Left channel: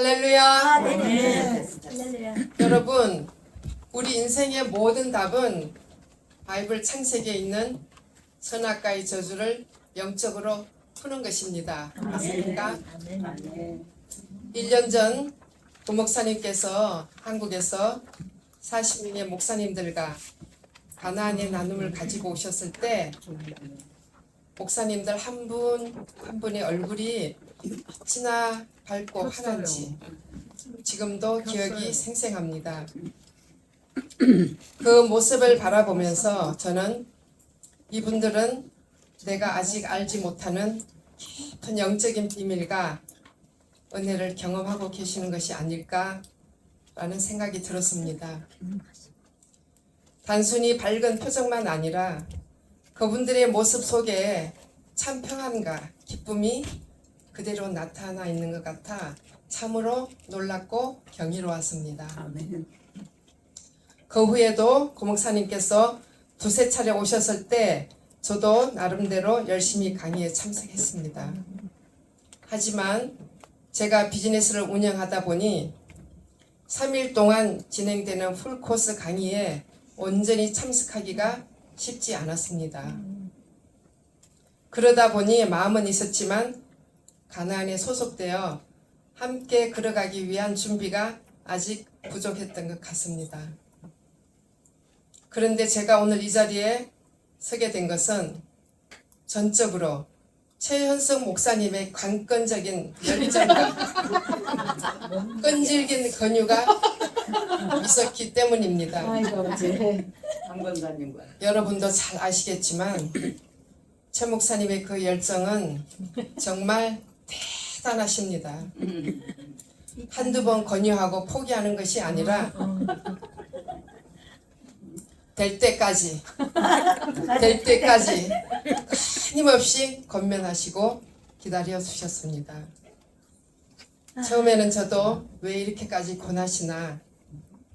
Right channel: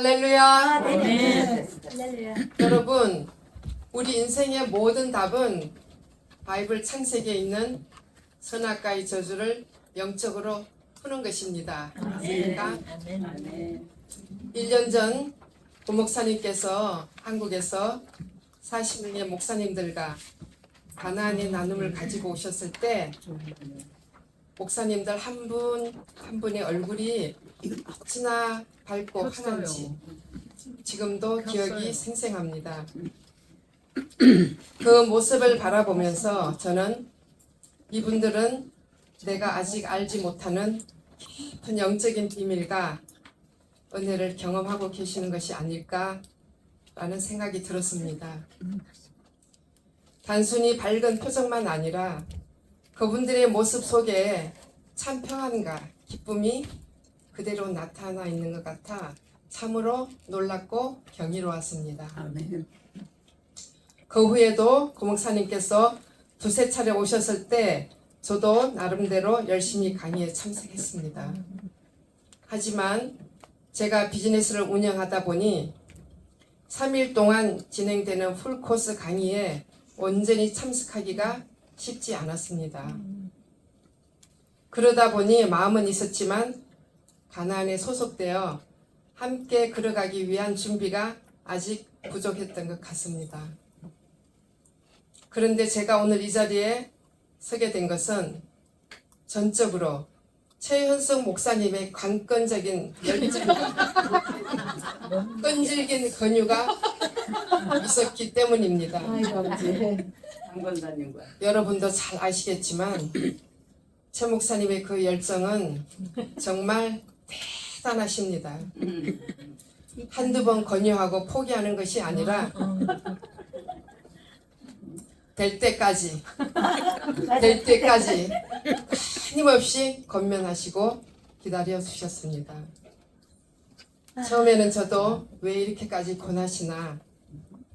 할렐루야. 네. 할렐루야. 여러분, 우리 인생의 모든 답은 바이블 창세기에 있는 선악과의 저주를 영적으로 푸는 것입니다. 맞습니까? 아멘. 1년 전 고목사님께서 한국에서 40명의 목사님들과 가나안의 나눔을 가지고 오셨을 때 목사님들 한 분 한 분의 얼굴이 어찌나 밝고 환한지 지금도 기억이 생생합니다. 그 모습을 바라보면서 저는 이분들은 내가 아직 알지 못하는 깊은 영적인 비밀과 은혜를 경험하고 계시는 것이 아닐까라는 생각이 들었습니다. 단순히 밝은 표정만 아니라 그분들의 모습 속에 참 평안과 기쁨이 그대로 나타나 있는 것 같아 참으로 놀랍고 경이로웠습니다. 그 후에도 고목사님께서 두세 차례 오셨을 때 저도 나름대로 열심히 강의에 참석했습니다. 하지만 제가 비즈니스를 운영하다 보니 3일 동안 진행되는 풀코스 강의에 온전히 참석하기가 쉽지 않았습니다. 그러다 보니 마음은 있었지만 가나안에 소속되어 함께 걸어가기 위한 준비가 아직 부족했던 것 같습니다. 그런데 제가 오늘 이 자리에 서게 된 것은 전적으로 최현석 목사님의 관건적인 열정과 끈질긴 권유가 있었기 때문입니다. 강건사님과 여러분도 잘 아시겠지만 최 목사님의 그 열정은 정말 대단하십니다. 한두 번 권유하고 포기하는 것이 아니라 될 때까지 끊임없이 권면하시고 기다려 주셨습니다. 처음에는 저도 왜 이렇게까지 권하시나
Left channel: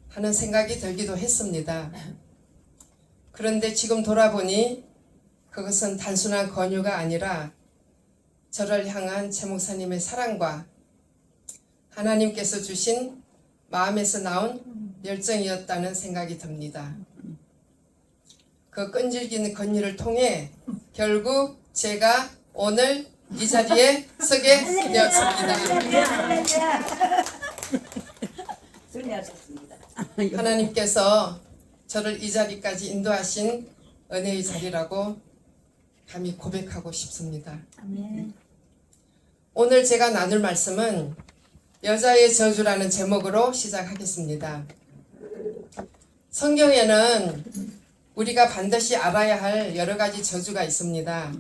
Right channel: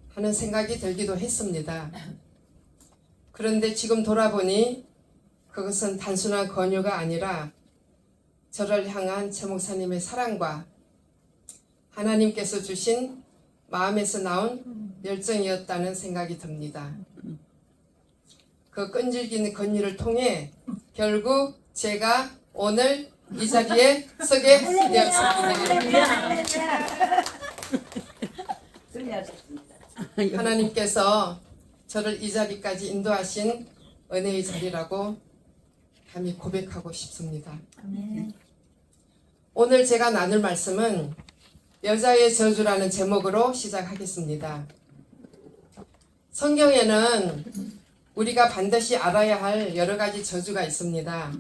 하는 생각이 들기도 했습니다. 그런데 지금 돌아보니 그것은 단순한 권유가 아니라 저를 향한 최 목사님의 사랑과 하나님께서 주신 마음에서 나온 열정이었다는 생각이 듭니다. 그 끈질긴 권유를 통해 결국 제가 오늘 이 자리에 서게 되었습니다. 승리하셨습니다. 하나님께서 저를 이 자리까지 인도하신 은혜의 자리라고 감히 고백하고 싶습니다. 오늘 제가 나눌 말씀은 여자의 저주라는 제목으로 시작하겠습니다. 성경에는 우리가 반드시 알아야 할 여러 가지 저주가 있습니다.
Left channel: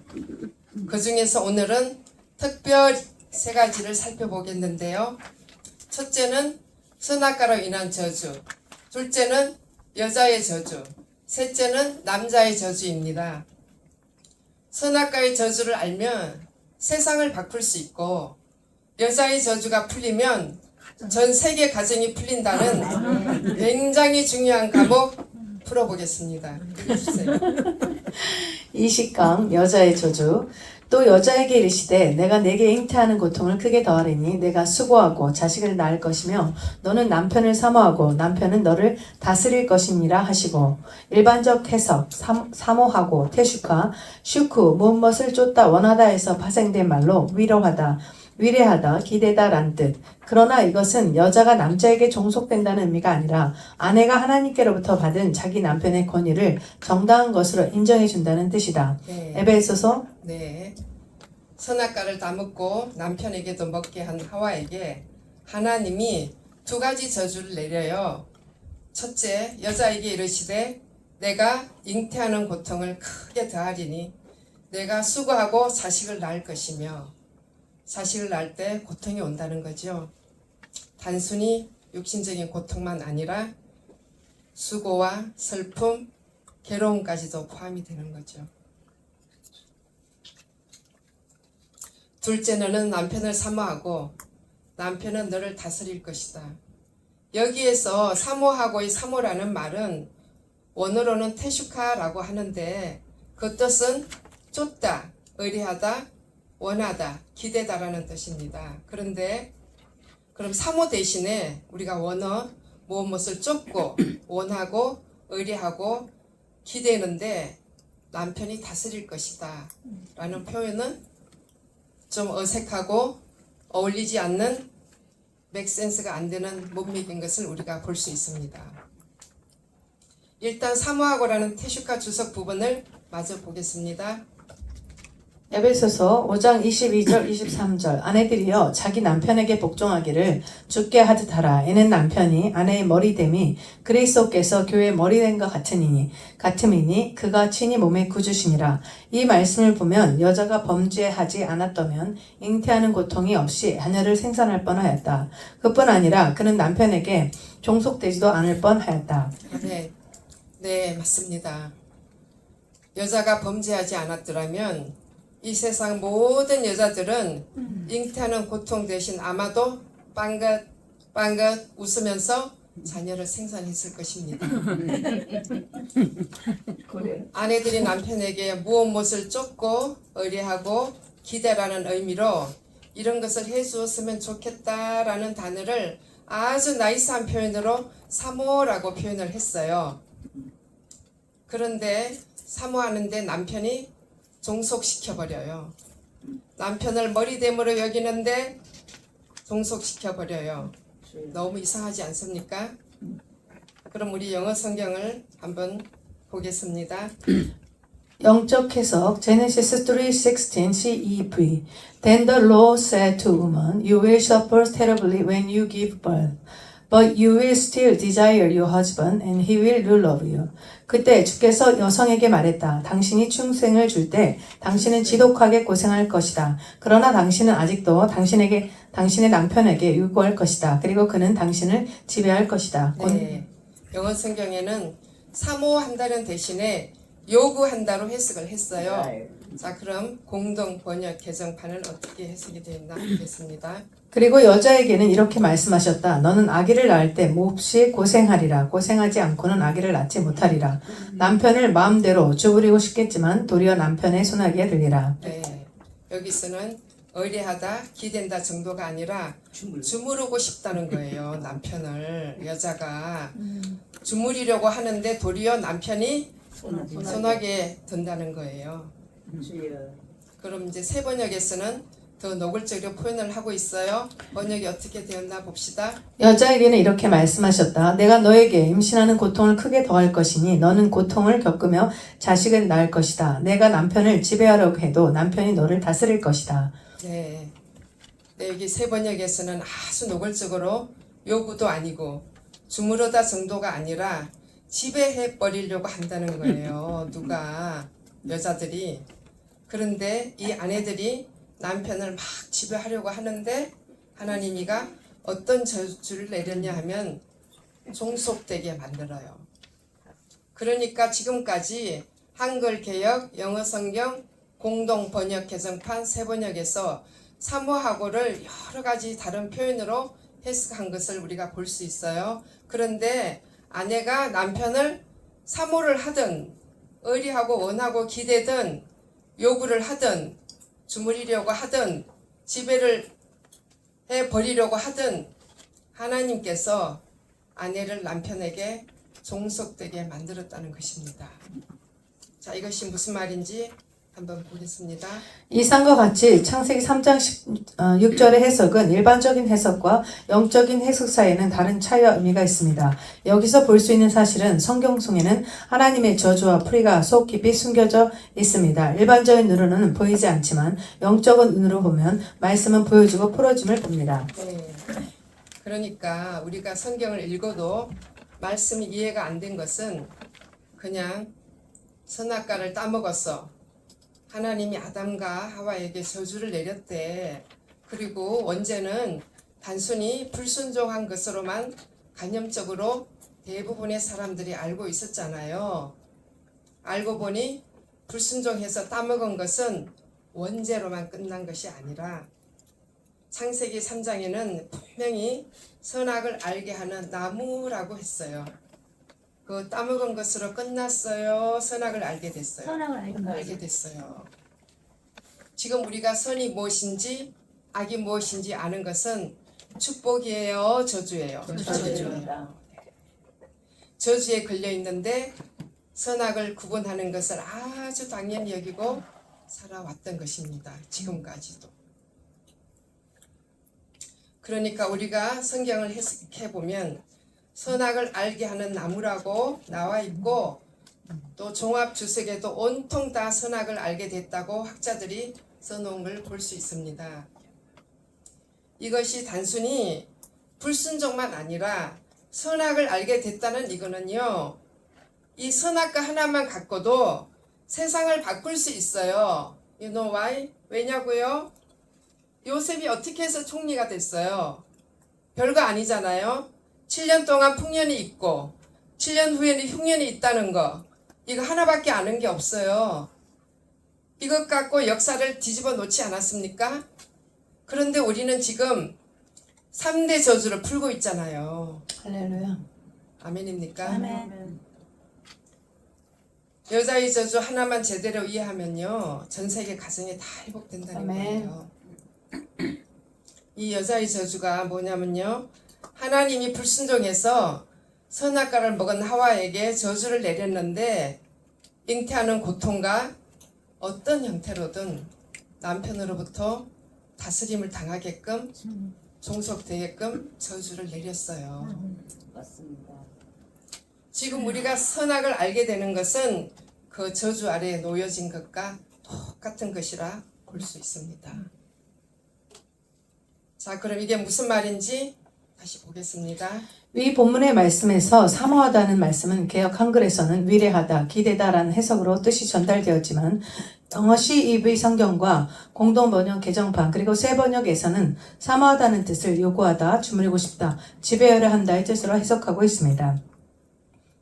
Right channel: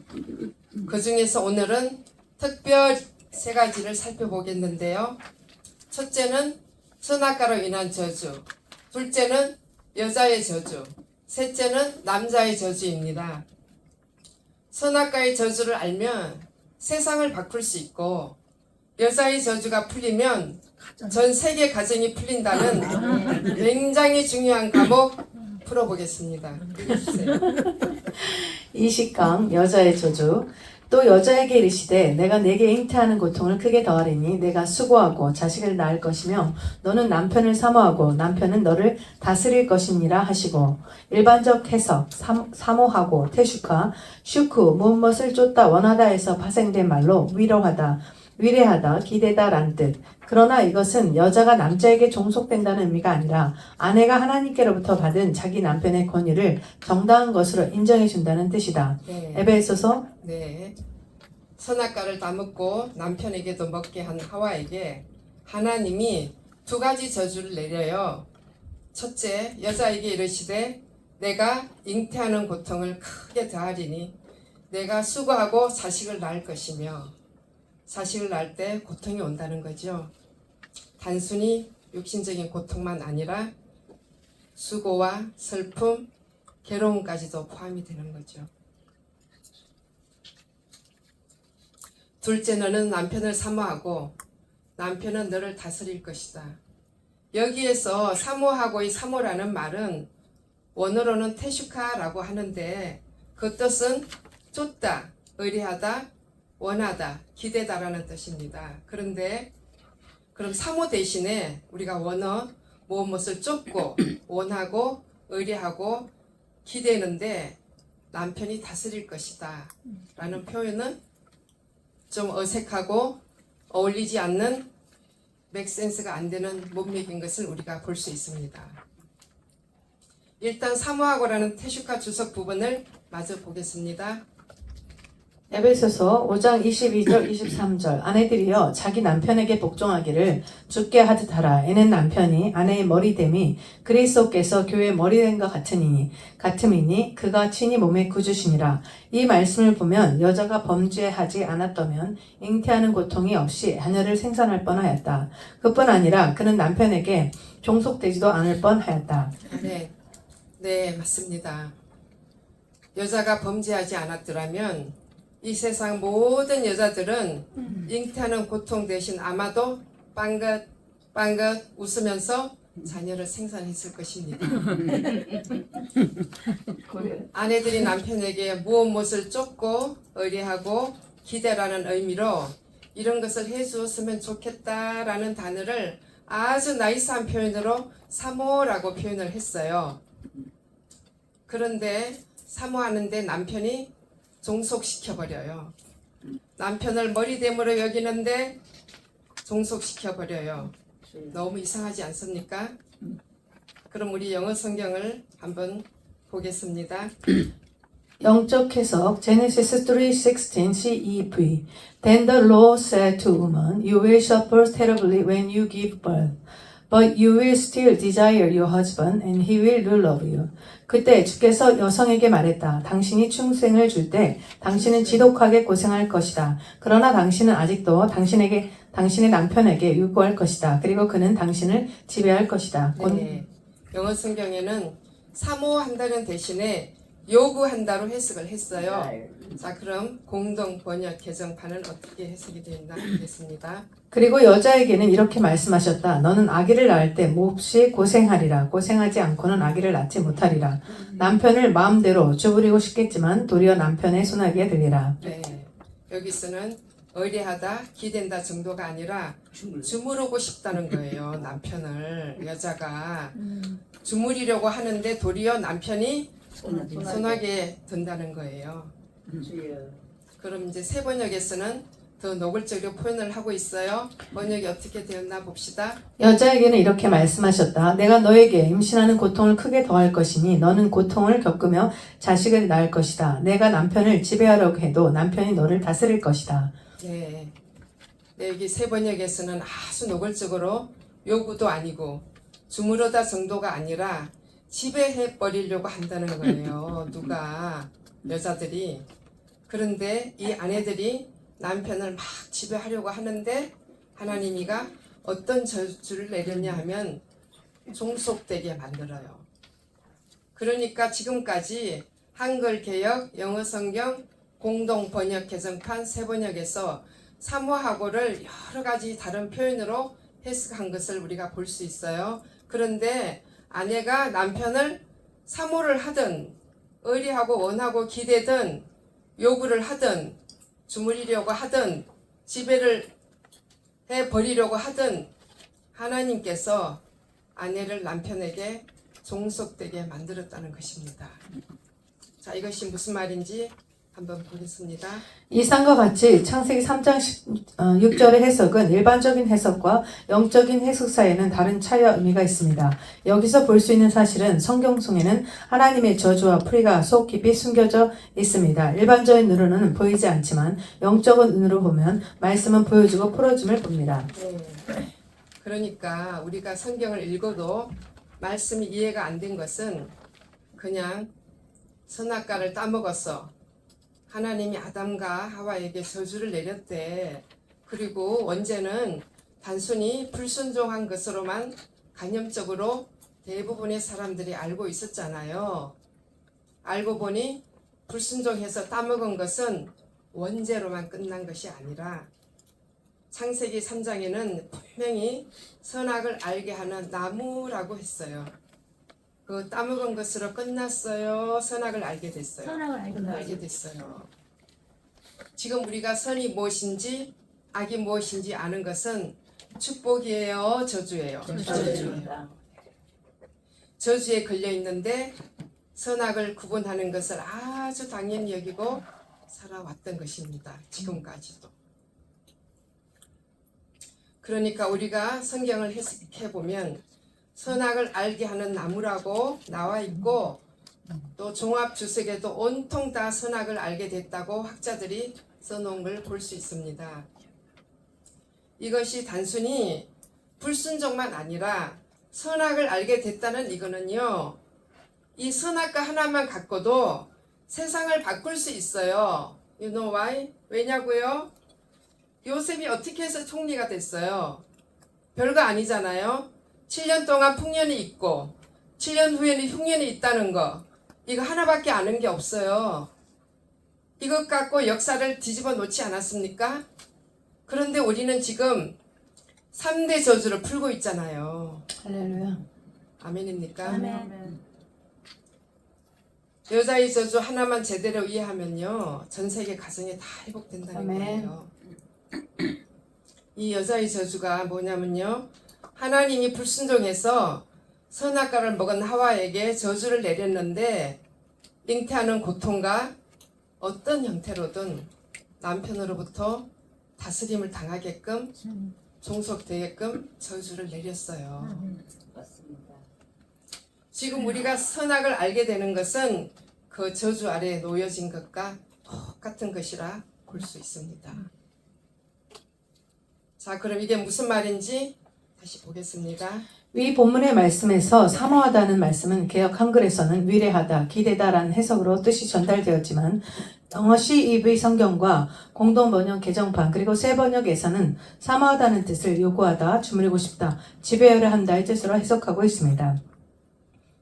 그 중에서 오늘은 특별 세 가지를 살펴보겠는데요. 첫째는 선악과로 인한 저주, 둘째는 여자의 저주, 셋째는 남자의 저주입니다. 선악과의 저주를 알면 세상을 바꿀 수 있고 여자의 저주가 풀리면 전 세계 가정이 풀린다는 굉장히 중요한 과목 풀어보겠습니다. 읽어주세요. 이식강 여자의 저주. 또 여자에게 이르시되 내가 내게 잉태하는 고통을 크게 더하리니 내가 수고하고 자식을 낳을 것이며 너는 남편을 사모하고 남편은 너를 다스릴 것이니라 하시고. 일반적 해석 사모하고 태슈카 슈쿠 무엇을 쫓다 원하다에서 파생된 말로 위로하다 위례하다 기대다 란 뜻. 그러나 이것은 여자가 남자에게 종속된다는 의미가 아니라 아내가 하나님께로부터 받은 자기 남편의 권위를 정당한 것으로 인정해 준다는 뜻이다. 네. 에베소서 네. 선악과를 다 먹고 남편에게도 먹게 한 하와에게 하나님이 두 가지 저주를 내려요. 첫째, 여자에게 이르시되 내가 잉태하는 고통을 크게 더하리니 내가 수고하고 자식을 낳을 것이며, 자식을 낳을 때 고통이 온다는 거죠. 단순히 육신적인 고통만 아니라 수고와 슬픔, 괴로움까지도 포함이 되는 거죠. 둘째는 남편을 사모하고 남편은 너를 다스릴 것이다. 여기에서 사모하고의 사모라는 말은 원어로는 테슈카라고 하는데 그 뜻은 쫓다, 의뢰하다, 원하다, 기대다라는 뜻입니다. 그런데 그럼 사모 대신에 우리가 원어 무엇을 쫓고 원하고 의뢰하고 기대는데 남편이 다스릴 것이다 라는 표현은 좀 어색하고 어울리지 않는 맥센스가 안 되는 문맥인 것을 우리가 볼 수 있습니다. 일단 사모하고라는 테슈카 주석 부분을 마저 보겠습니다. 에베소서 5장 22절 23절 아내들이여 자기 남편에게 복종하기를 주께 하듯 하라. 이는 남편이 아내의 머리됨이 그리스도께서 교회의 머리된 것 같음이니 그가 친히 몸의 구주시니라. 이 말씀을 보면 여자가 범죄하지 않았다면 잉태하는 고통이 없이 자녀를 생산할 뻔하였다. 그뿐 아니라 그는 남편에게 종속되지도 않을 뻔하였다. 네, 맞습니다. 여자가 범죄하지 않았더라면 이 세상 모든 여자들은 잉태하는 고통 대신 아마도 빵긋 웃으면서 자녀를 생산했을 것입니다. 아내들이 남편에게 무엇을 쫓고 의뢰하고 기대라는 의미로 이런 것을 해주었으면 좋겠다라는 단어를 아주 나이스한 표현으로 사모라고 표현을 했어요. 그런데 사모하는데 남편이 종속시켜버려요. 남편을 머리됨으로 여기는데 종속시켜버려요. 너무 이상하지 않습니까? 그럼 우리 영어 성경을 한번 보겠습니다. 영적 해석 Genesis 3:16 CEV Then the Lord said to woman, You will suffer terribly when you give birth, but you will still desire your husband, and he will rule over you. 그때 주께서 여성에게 말했다. 당신이 충생을 줄 때 당신은 지독하게 고생할 것이다. 그러나 당신은 아직도 당신의 남편에게 요구할 것이다. 그리고 그는 당신을 지배할 것이다. 네, 영어 성경에는 사모한다는 대신에 요구한다로 해석을 했어요. 자, 그럼 공동 번역 개정판은 어떻게 해석이 되었나 보겠습니다. 그리고 여자에게는 이렇게 말씀하셨다. 너는 아기를 낳을 때 몹시 고생하리라. 고생하지 않고는 아기를 낳지 못하리라. 남편을 마음대로 주부리고 싶겠지만 도리어 남편의 손아귀에 들리라. 네, 여기서는 의뢰하다, 기댄다 정도가 아니라 주무르고 싶다는 거예요. 남편을 여자가 주무리려고 하는데 도리어 남편이 손아귀에 든다는 거예요. 그럼 이제 새 번역에서는 더 노골적으로 표현을 하고 있어요. 번역이 어떻게 되었나 봅시다. 여자에게는 이렇게 말씀하셨다. 내가 너에게 임신하는 고통을 크게 더할 것이니 너는 고통을 겪으며 자식을 낳을 것이다. 내가 남편을 지배하려고 해도 남편이 너를 다스릴 것이다. 네, 여기 새 번역에서는 아주 노골적으로 요구도 아니고 주무르다 정도가 아니라 지배해 버리려고 한다는 거예요. 누가 여자들이. 그런데 이 아내들이 남편을 막 지배하려고 하는데 하나님이가 어떤 저주를 내렸냐 하면 종속되게 만들어요. 그러니까 지금까지 한글 개역, 영어 성경, 공동 번역 개정판 세 번역에서 사모하고를 여러 가지 다른 표현으로 해석한 것을 우리가 볼 수 있어요. 그런데 아내가 남편을 사모를 하든 의리하고 원하고 기대든 요구를 하든 주무리려고 하든 지배를 해버리려고 하든 하나님께서 아내를 남편에게 종속되게 만들었다는 것입니다. 자, 이것이 무슨 말인지 한번 보겠습니다. 이상과 같이 창세기 3장 6절의 해석은 일반적인 해석과 영적인 해석 사이에는 다른 차이와 의미가 있습니다. 여기서 볼 수 있는 사실은 성경 속에는 하나님의 저주와 풀이가 속 깊이 숨겨져 있습니다. 일반적인 눈으로는 보이지 않지만 영적인 눈으로 보면 말씀은 보여주고 풀어줌을 봅니다. 네. 그러니까 우리가 성경을 읽어도 말씀이 이해가 안 된 것은 그냥 선악과를 따먹었어. 하나님이 아담과 하와에게 저주를 내렸대. 그리고 원죄는 단순히 불순종한 것으로만 간접적으로 대부분의 사람들이 알고 있었잖아요. 알고 보니 불순종해서 따먹은 것은 원죄로만 끝난 것이 아니라 창세기 3장에는 분명히 선악을 알게 하는 나무라고 했어요. 그 따먹은 것으로 끝났어요. 선악을 알게 됐어요. 선악을 알게 됐어요. 지금 우리가 선이 무엇인지 악이 무엇인지 아는 것은 축복이에요, 저주예요. 저주입니다. 저주에 걸려 있는데 선악을 구분하는 것을 아주 당연히 여기고 살아왔던 것입니다. 지금까지도. 그러니까 우리가 성경을 해석해 보면 선악을 알게 하는 나무라고 나와 있고 또 종합 주석에도 온통 다 선악을 알게 됐다고 학자들이 써놓은 걸 볼 수 있습니다. 이것이 단순히 불순종만 아니라 선악을 알게 됐다는 이거는요, 이 선악과 하나만 갖고도 세상을 바꿀 수 있어요. You know why? 왜냐고요? 요셉이 어떻게 해서 총리가 됐어요? 별거 아니잖아요. 7년 동안 풍년이 있고 7년 후에는 흉년이 있다는 거, 이거 하나밖에 아는 게 없어요. 이것 갖고 역사를 뒤집어 놓지 않았습니까? 그런데 우리는 지금 3대 저주를 풀고 있잖아요. 할렐루야. 아멘입니까? 아멘. 여자의 저주 하나만 제대로 이해하면요, 전 세계 가정이 다 회복된다는 아멘. 거예요. 이 여자의 저주가 뭐냐면요, 하나님이 불순종해서 선악과를 먹은 하와에게 저주를 내렸는데 잉태하는 고통과 어떤 형태로든 남편으로부터 다스림을 당하게끔 종속되게끔 저주를 내렸어요. 맞습니다. 지금 우리가 선악을 알게 되는 것은 그 저주 아래에 놓여진 것과 똑같은 것이라 볼 수 있습니다. 자, 그럼 이게 무슨 말인지 다시 보겠습니다. 위 본문의 말씀에서 사모하다는 말씀은 개역 한글에서는 위례하다, 기대다라는 해석으로 뜻이 전달되었지만 영어 CEV 성경과 공동 번역 개정판 그리고 새 번역에서는 사모하다는 뜻을 요구하다, 주물고 싶다, 지배하려 한다의 뜻으로 해석하고 있습니다.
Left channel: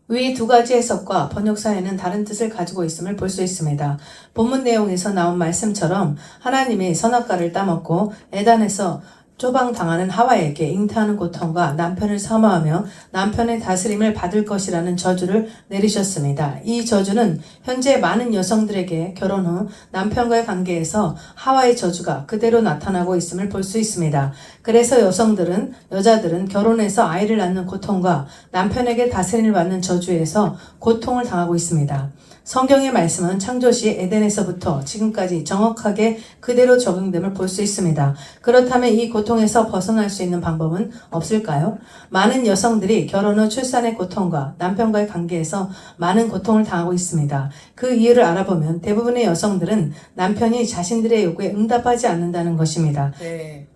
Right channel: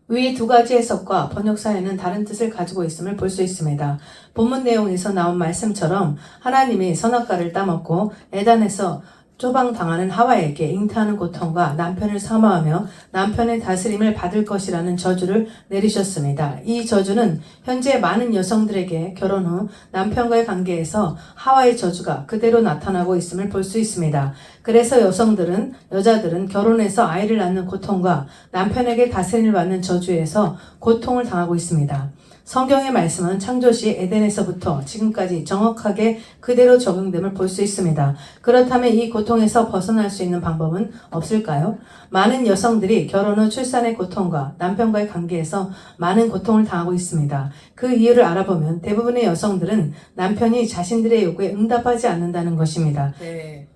위 두 가지 해석과 번역사에는 다른 뜻을 가지고 있음을 볼 수 있습니다. 본문 내용에서 나온 말씀처럼 하나님이 선악과를 따먹고 에덴에서 쪼방당하는 하와에게 잉태하는 고통과 남편을 사모하며 남편의 다스림을 받을 것이라는 저주를 내리셨습니다. 이 저주는 현재 많은 여성들에게 결혼 후 남편과의 관계에서 하와의 저주가 그대로 나타나고 있음을 볼 수 있습니다. 그래서 여자들은 결혼해서 아이를 낳는 고통과 남편에게 다스림을 받는 저주에서 고통을 당하고 있습니다. 성경의 말씀은 창조시 에덴에서부터 지금까지 정확하게 그대로 적용됨을 볼 수 있습니다. 그렇다면 이 고통에서 벗어날 수 있는 방법은 없을까요? 많은 여성들이 결혼 후 출산의 고통과 남편과의 관계에서 많은 고통을 당하고 있습니다. 그 이유를 알아보면 대부분의 여성들은 남편이 자신들의 요구에 응답하지 않는다는 것입니다. 네.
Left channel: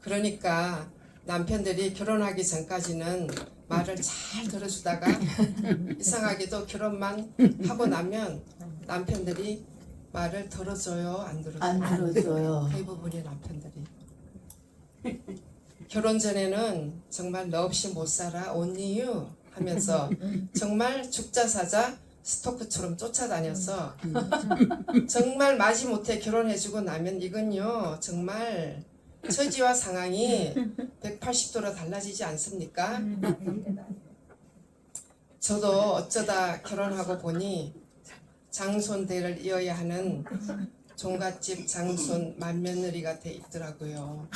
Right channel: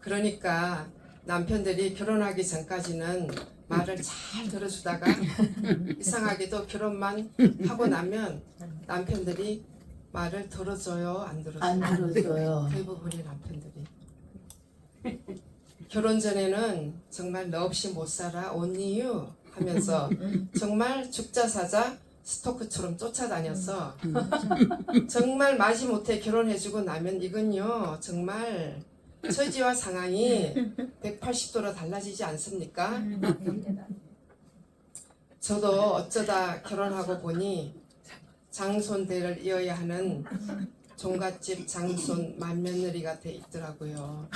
그러니까 남편들이 결혼하기 전까지는 말을 잘 들어주다가 이상하게도 결혼만 하고 나면 남편들이 말을 들어줘요, 안 들어줘요? 안 들어줘요. 대부분의 남편들이 결혼 전에는 정말 너 없이 못 살아, only you 하면서 정말 죽자 사자 스토크처럼 쫓아다녀서 정말 마지못해 결혼해주고 나면 이건요 정말 처지와 상황이 180도로 달라지지 않습니까? 저도 어쩌다 결혼하고 보니 장손대를 이어야 하는 종갓집 장손 맏며느리가 돼 있더라고요.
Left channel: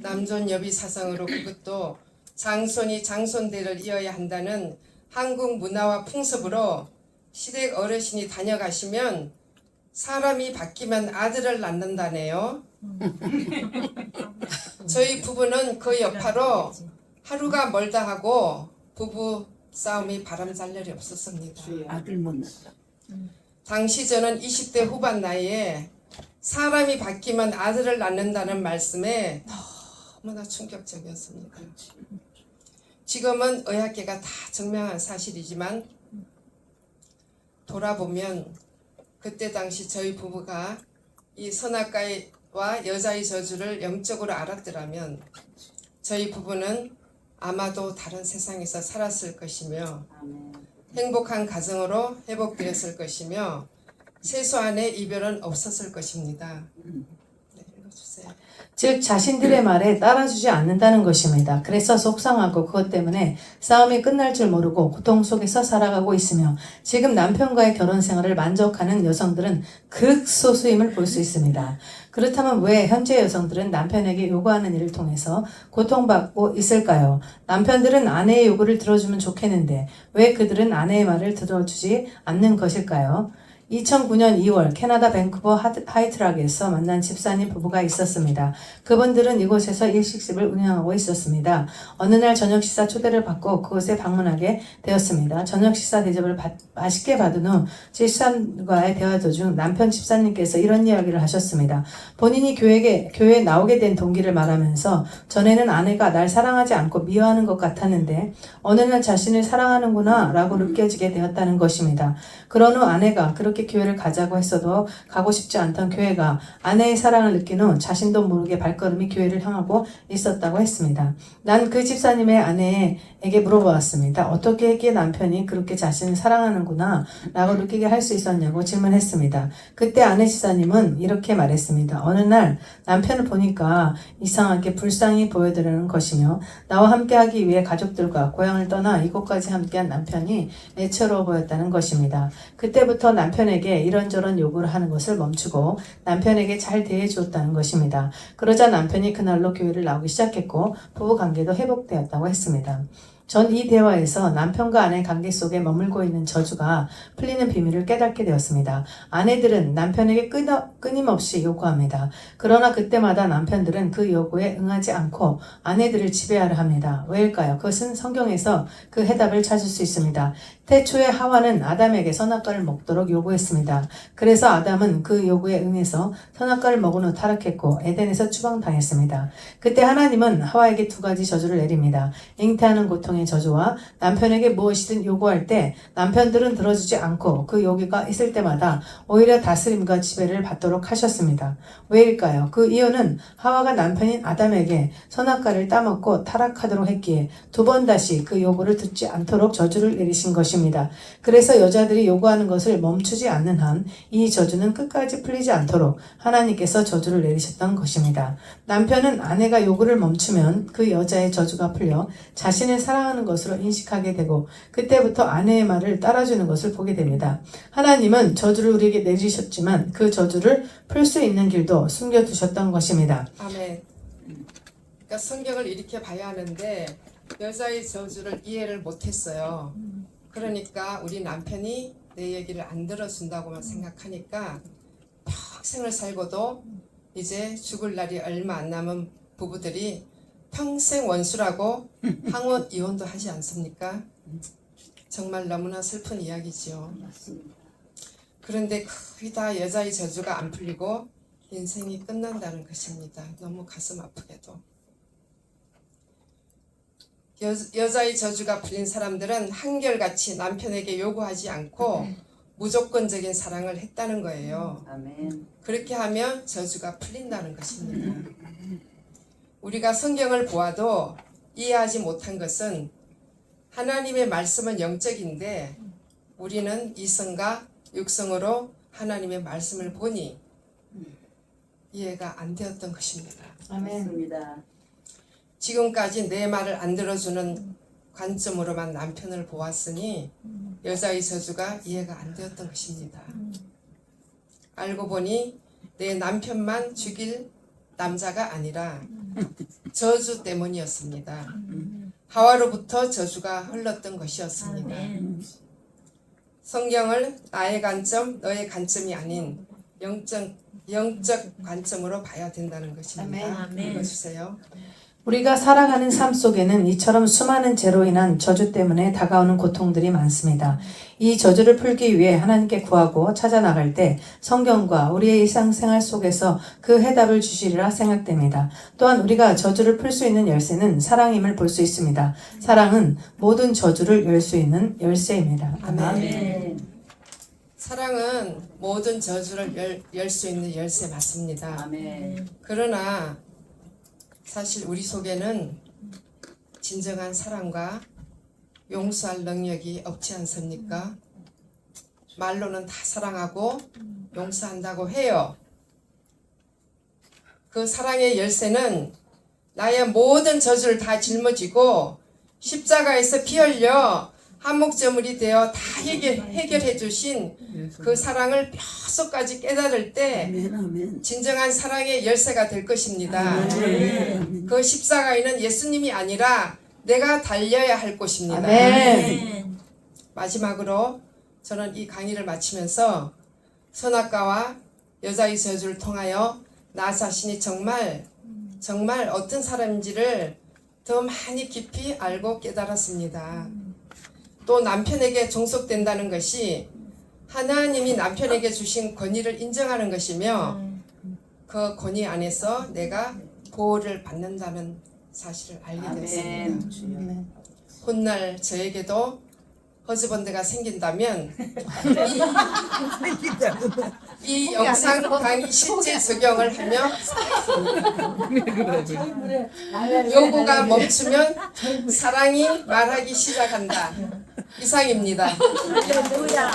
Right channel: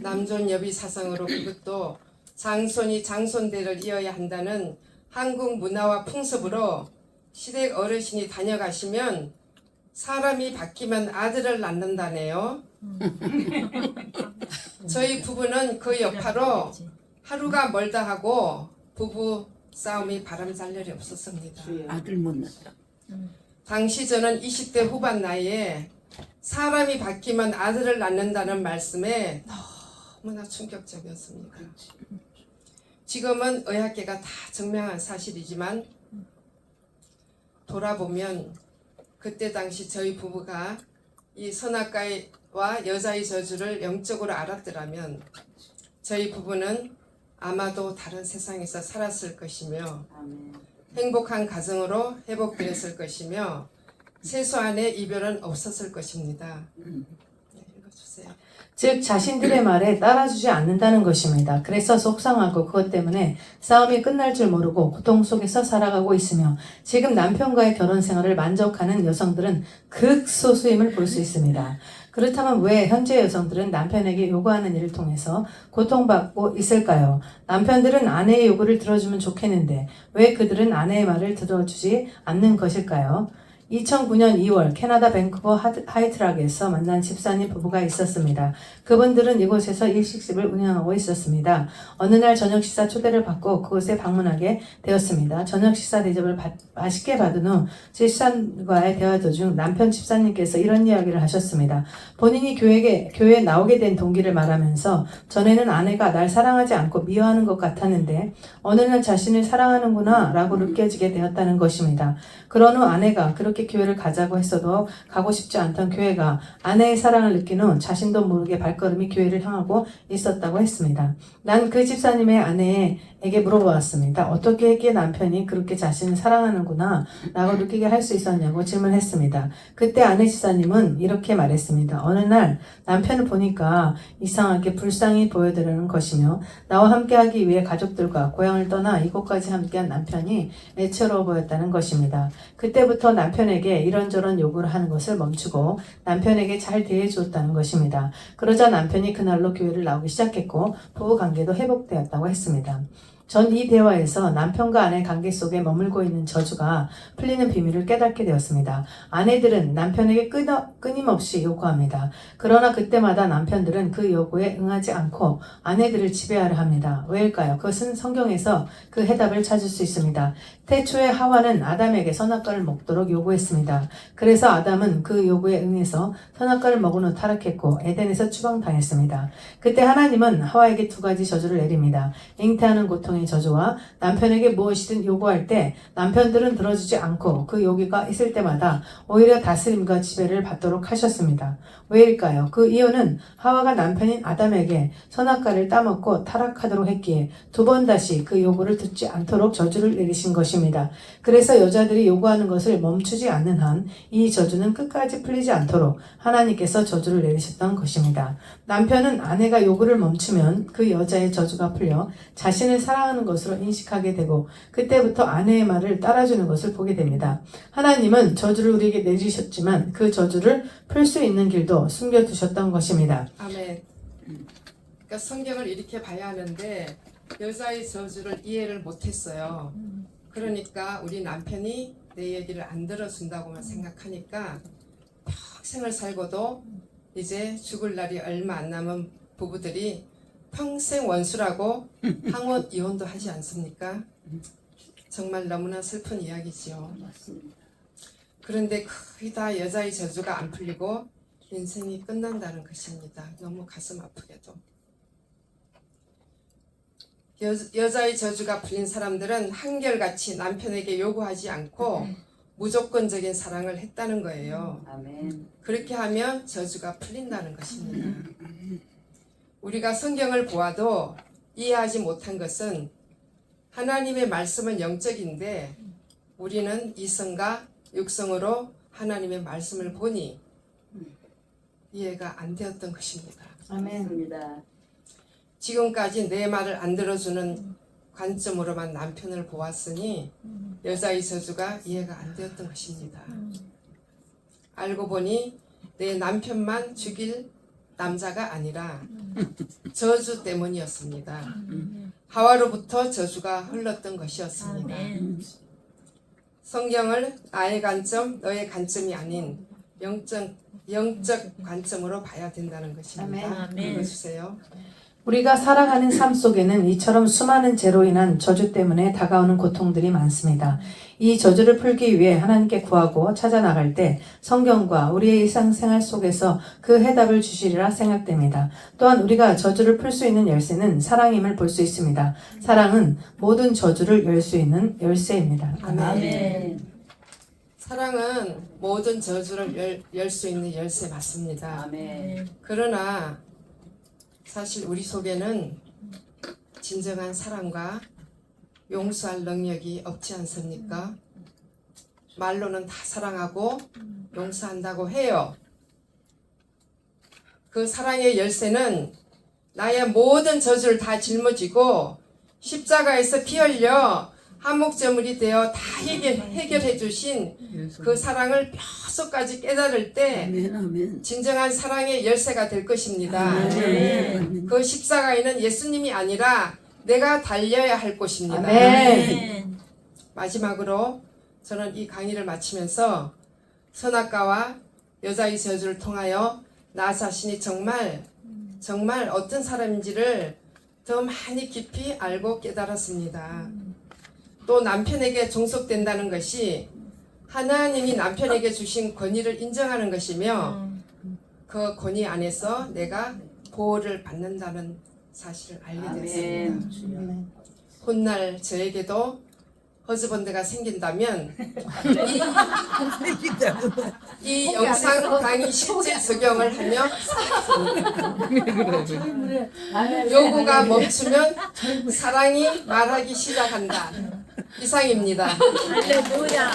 남존 여비 사상으로 그것도 장손이 장손대를 이어야 한다는 한국 문화와 풍습으로 시댁 어르신이 다녀가시면 사람이 바뀌면 아들을 낳는다네요. 저희 부부는 그 여파로 하루가 멀다 하고 부부 싸움이 바람잘 날이 없었습니다. 아들 못 낳았다. 당시 저는 20대 후반 나이에 사람이 바뀌면 아들을 낳는다는 말씀에 너무나 충격적이었습니다. 지금은 의학계가 다 증명한 사실이지만 돌아보면 그때 당시 저희 부부가 이 선악과와 여자의 저주를 영적으로 알았더라면 저희 부부는 아마도 다른 세상에서 살았을 것이며 아멘. 행복한 가정으로 회복되었을 것이며 최소한의 이별은 없었을 것입니다. 네, 읽어주세요. 즉 자신들의 말에 따라주지 않는다는 것입니다. 그래서 속상하고 그것 때문에 싸움이 끝날 줄 모르고 고통 속에서 살아가고 있으며 지금 남편과의 결혼 생활을 만족하는 여성들은 극소수임을 볼 수 있습니다. 그렇다면 왜 현재 여성들은 남편에게 요구하는 일을 통해서 고통받고 있을까요? 남편들은 아내의 요구를 들어주면 좋겠는데 왜 그들은 아내의 말을 들어주지 않는 것일까요? 2009년 2월 캐나다 밴쿠버 하이트락에서 만난 집사님 부부가 있었습니다. 그분들은 이곳에서 일식집을 운영하고 있었습니다. 어느 날 저녁 식사 초대를 받고 그곳에 방문하게 되었습니다. 저녁 식사 대접을 맛있게 받은 후 집사님과의 대화 도중 남편 집사님께서 이런 이야기를 하셨습니다. 본인이 교회에 나오게 된 동기를 말하면서 전에는 아내가 날 사랑하지 않고 미워하는 것 같았는데 어느 날 자신을 사랑하는구나 라고 느껴지게 되었다는 것입니다. 그런 후 아내가 그렇게 교회를 가자고 했어도 가고 싶지 않던 교회가 아내의 사랑을 느낀 후 자신도 모르게 발걸음이 교회를 향하고 있었다고 했습니다. 난 그 집사님의 아내에게 물어보았습니다. 어떻게 했기에 남편이 그렇게 자신을 사랑하는구나 라고 느끼게 할 수 있었냐고 질문했습니다. 그때 아내 집사님은 이렇게 말했습니다. 어느 날 남편을 보니까 이상하게 불쌍히 보여드리는 것이며 나와 함께하기 위해 가족들과 고향을 떠나 이곳까지 함께한 남편이 애처로워 보였다는 것입니다. 그때부터 남편에게 이런저런 요구를 하는 것을 멈추고 남편에게 잘 대해주었다는 것입니다. 그러자 남편이 그날로 교회를 나오기 시작했고 부부관계도 회복되었다고 했습니다. 전 이 대화에서 남편과 아내 관계 속에 머물고 있는 저주가 풀리는 비밀을 깨닫게 되었습니다. 아내들은 남편에게 끊임없이 요구합니다. 그러나 그때마다 남편들은 그 요구에 응하지 않고 아내들을 지배하려 합니다. 왜일까요? 그것은 성경에서 그 해답을 찾을 수 있습니다. 태초에 하와는 아담에게 선악과를 먹도록 요구했습니다. 그래서 아담은 그 요구에 응해서 선악과를 먹은 후 타락했고 에덴에서 추방당했습니다. 그때 하나님은 하와에게 두 가지 저주를 내립니다. 잉태하는 고통의 저주와 남편에게 무엇이든 요구할 때 남편들은 들어주지 않고 그 요구가 있을 때마다 오히려 다스림과 지배를 받도록 하셨습니다. 왜일까요? 그 이유는 하와가 남편인 아담에게 선악과를 따먹고 타락하도록 했기에 두 번 다시 그 요구를 듣지 않도록 저주를 내리신 것입니다. 그래서 여자들이 요구하는 것을 멈추지 않는 한 이 저주는 끝까지 풀리지 않도록 하나님께서 저주를 내리셨던 것입니다. 남편은 아내가 요구를 멈추면 그 여자의 저주가 풀려 자신을 사랑하는 것으로 인식하게 되고 그때부터 아내의 말을 따라주는 것을 보게 됩니다. 하나님은 저주를 우리에게 내리셨지만 그 저주를 풀 수 있는 길도 숨겨두셨던 것입니다. 아멘. 그러니까 성경을 이렇게 봐야 하는데 여자의 저주를 이해를 못했어요. 그러니까 우리 남편이 내 얘기를 안 들어준다고만 생각하니까 평생을 살고도 이제 죽을 날이 얼마 안 남은 부부들이 평생 원수라고 항원 이혼도 하지 않습니까? 정말 너무나 슬픈 이야기지요. 맞습니다. 그런데 거의 다 여자의 저주가 안 풀리고 인생이 끝난다는 것입니다. 너무 가슴 아프게도. 여자의 저주가 풀린 사람들은 한결같이 남편에게 요구하지 않고 무조건적인 사랑을 했다는 거예요. 아멘. 그렇게 하면 저주가 풀린다는 것입니다. 우리가 성경을 보아도 이해하지 못한 것은 하나님의 말씀은 영적인데 우리는 이성과 육성으로 하나님의 말씀을 보니 이해가 안 되었던 것입니다. 아멘. 맞습니다. 지금까지 내 말을 안 들어주는 관점으로만 남편을 보았으니 여자의 저주가 이해가 안 되었던 것입니다. 알고 보니 내 남편만 죽일 남자가 아니라 저주 때문이었습니다. 하와로부터 저주가 흘렀던 것이었습니다. 성경을 나의 관점, 너의 관점이 아닌 영적 관점으로 봐야 된다는 것입니다. 아멘. 읽어주세요. 우리가 살아가는 삶 속에는 이처럼 수많은 죄로 인한 저주 때문에 다가오는 고통들이 많습니다. 이 저주를 풀기 위해 하나님께 구하고 찾아나갈 때 성경과 우리의 일상생활 속에서 그 해답을 주시리라 생각됩니다. 또한 우리가 저주를 풀 수 있는 열쇠는 사랑임을 볼 수 있습니다. 사랑은 모든 저주를 열 수 있는 열쇠입니다. 아멘. 사랑은 모든 저주를 열 수 있는 열쇠 맞습니다. 아멘. 그러나 사실 우리 속에는 진정한 사랑과 용서할 능력이 없지 않습니까? 말로는 다 사랑하고 용서한다고 해요. 그 사랑의 열쇠는 나의 모든 저주를 다 짊어지고 십자가에서 피 흘려 한목저물이 되어 다 해결해 주신 그 사랑을 뼛속까지 깨달을 때 진정한 사랑의 열쇠가 될 것입니다. 그 십자가에는 예수님이 아니라 내가 달려야 할 곳입니다. 아멘. 마지막으로 저는 이 강의를 마치면서 선악과와 여자의 저주를 통하여 나 자신이 정말 어떤 사람인지를 더 많이 깊이 알고 깨달았습니다. 또 남편에게 종속된다는 것이 하나님이 남편에게 주신 권위를 인정하는 것이며 그 권위 안에서 내가 보호를 받는다는 사실을 알게 되었습니다. 아멘. 훗날 저에게도 허즈번드가 생긴다면 이 영상 강의 실제 적용을 하며 요구가 멈추면 사랑이 말하기 시작한다. 이상입니다. 할렐루야.